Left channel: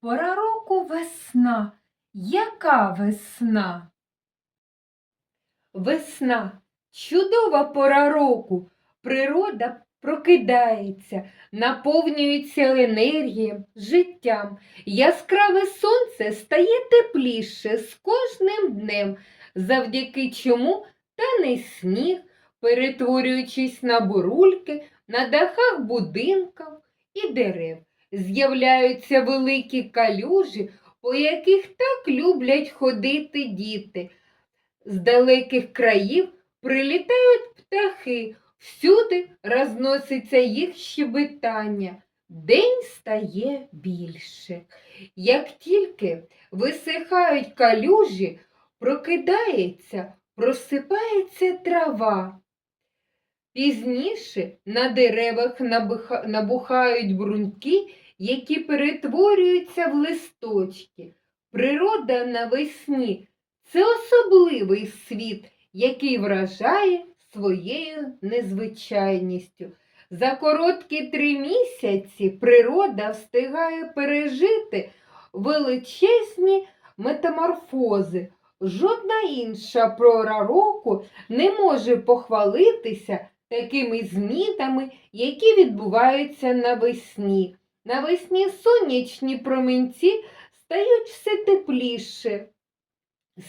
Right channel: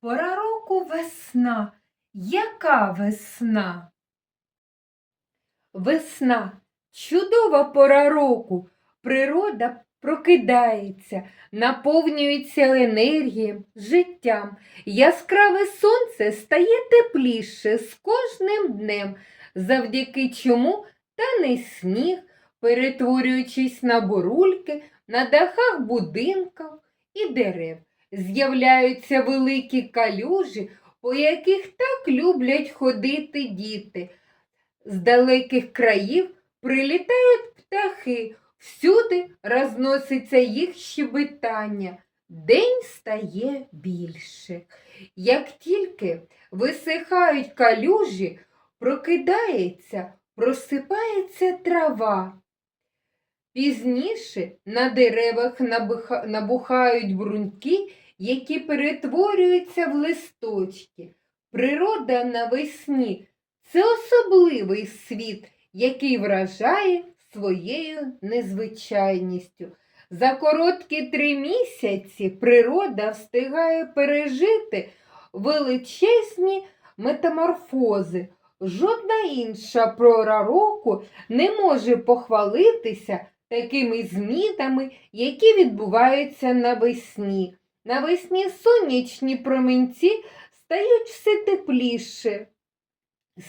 пора року весна. Яка весна? Весна чудова пора року. Природа прокидається, наповнюється енергією, життям. Яскраве сонце стає тепліше з кожним днем, завдяки чому тане сніг, перетворюючись на бурульки, на дахах будинків і дерев. З'являються великі калюжі, по яких так люблять ходити діти. З далеких країв прилітають птахи, всюди розноситься їх щебетання. День стає більше. Як тільки висихають калюжі, прокидається, просипається трава. Пізніше на деревах набухають бруньки, які перетворюються в листочки. Природа навесні це особливий світ, який вражає своєю незвичайністю. За короткі три місяці природа встигає пережити величезні метаморфози. Жодна інша пора року не може похвалитися такими змінами, які відбуваються навесні. Навесні сонячні променці стають все тепліше.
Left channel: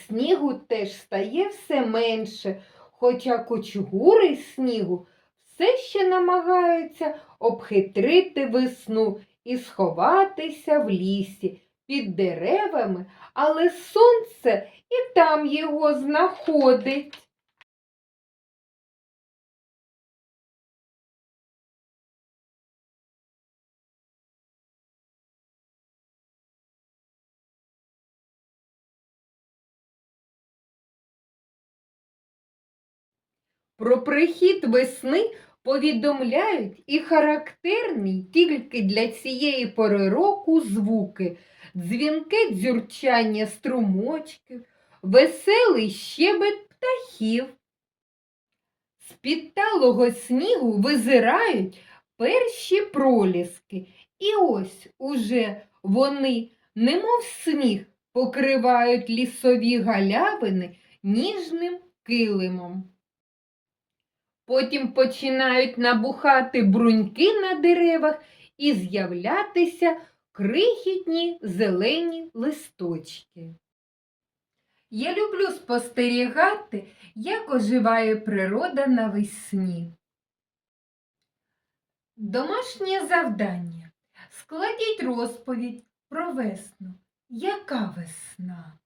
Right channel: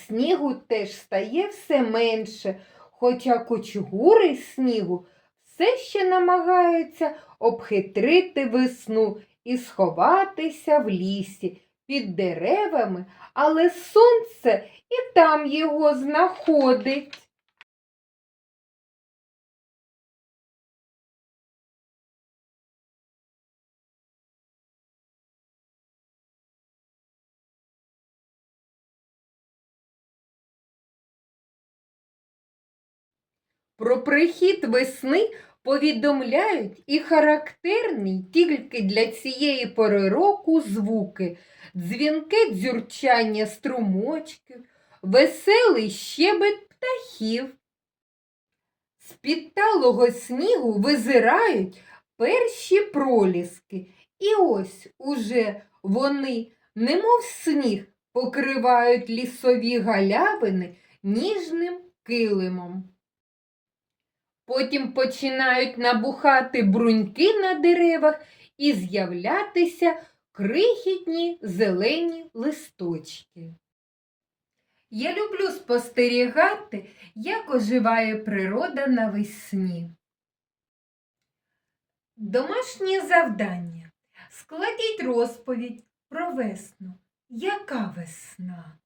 Снігу теж стає все менше, хоча кучугури снігу все ще намагаються обхитрити весну і сховатися в лісі під деревами, але сонце і там його знаходить. Про прихід весни повідомляють і характерні тільки для цієї пори року звуки, дзвінке дзюрчання струмочків, веселий щебет птахів. З під талого снігу визирають перші проліски, і ось уже вони, немов сніг, покривають лісові галявини ніжним килимом. Потім починають набухати бруньки на деревах і з'являтися крихітні зелені листочки. Я люблю спостерігати, як оживає природа навесні. Домашнє завдання. Складіть розповідь про весну. Яка весна?